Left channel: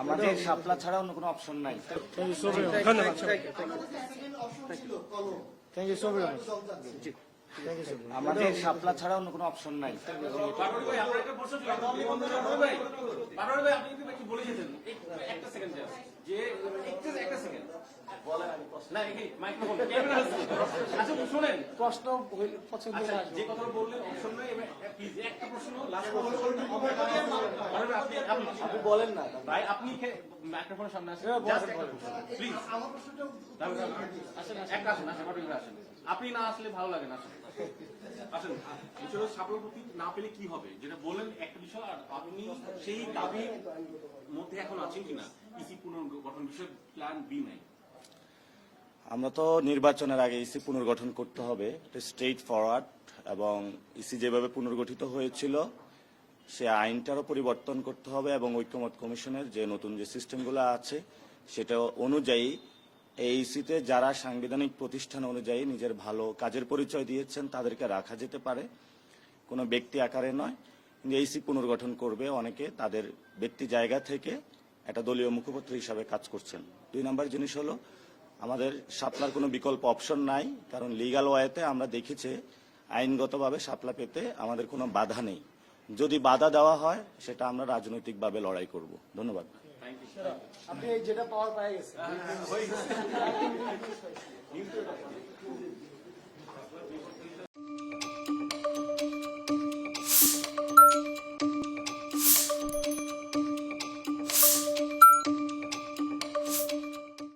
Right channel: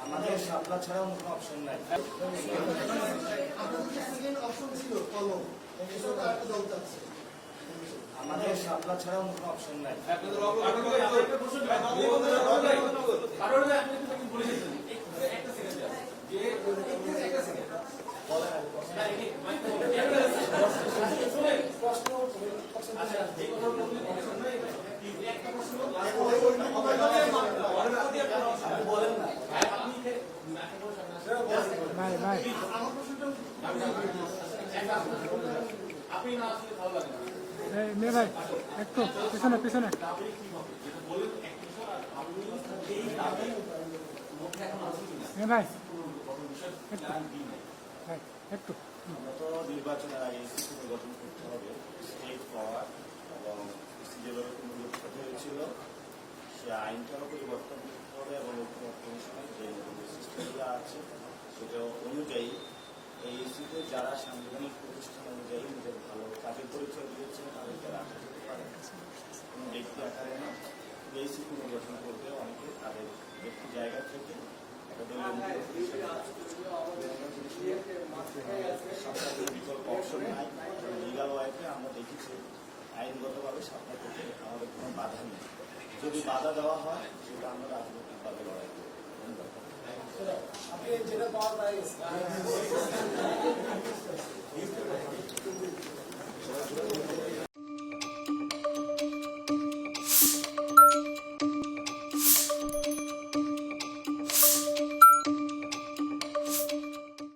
আমাদের শাপলা ছাড়া অন্য কোনো অপশন নাই। আমাদের শাপলা ছাড়া অন্য কোনো অপশন নাই। বলেন না ভাই, আপনি আপনি না আসলে ভালো লাগে না ভাই একটু পিছনে পিছনে কি হবে যেটা বলেন এক বিষয়, আর আপনি সেই দাবির মধ্যে এখন আছেন কিনা ভাই একটু। আমরা তো নির্বাচনের আগে ইসি পুনর্গঠন করতে হবে, স্ট্রেইট ফরওয়ার্ড, এবং ইসি যেভাবে পুনর্গঠিত হয়েছিল সে আইনটারও পরিবর্তন করতে হবে, এবং ঐক্যমত কমিশনের যে নতুন যে সিস্টেমগুলো আছে সেটা অনুযায়ী এই ইসিতে যারা সাংবিধানিক প্রতিষ্ঠান অনুযায়ী নিজের ভালো কাজের পরিচয় দিয়েছেন তাদেরকে রাখা যেতে পারে, কোনো ব্যক্তি আকারে নয়। ইসি পুনর্গঠন করবে অনেকে তাদের ব্যক্তি জায়গা থেকে একটা দলীয় মুখপাত্র হিসাবে কাজ করছেন। 2 নম্বর জিনিস হলো আমাদের শাপলার কোনো বিকল্প অপশন নাই, কারণ লিগাল ওয়েতে আমরা দেখেছি আইনগতভাবে শাপলা পেতে আমাদের কোনো বাধা নেই। যদি বাধা দেওয়া হয় সেটা আমরা রাজনৈতিকভাবে লড়াই করব। ধন্যবাদ।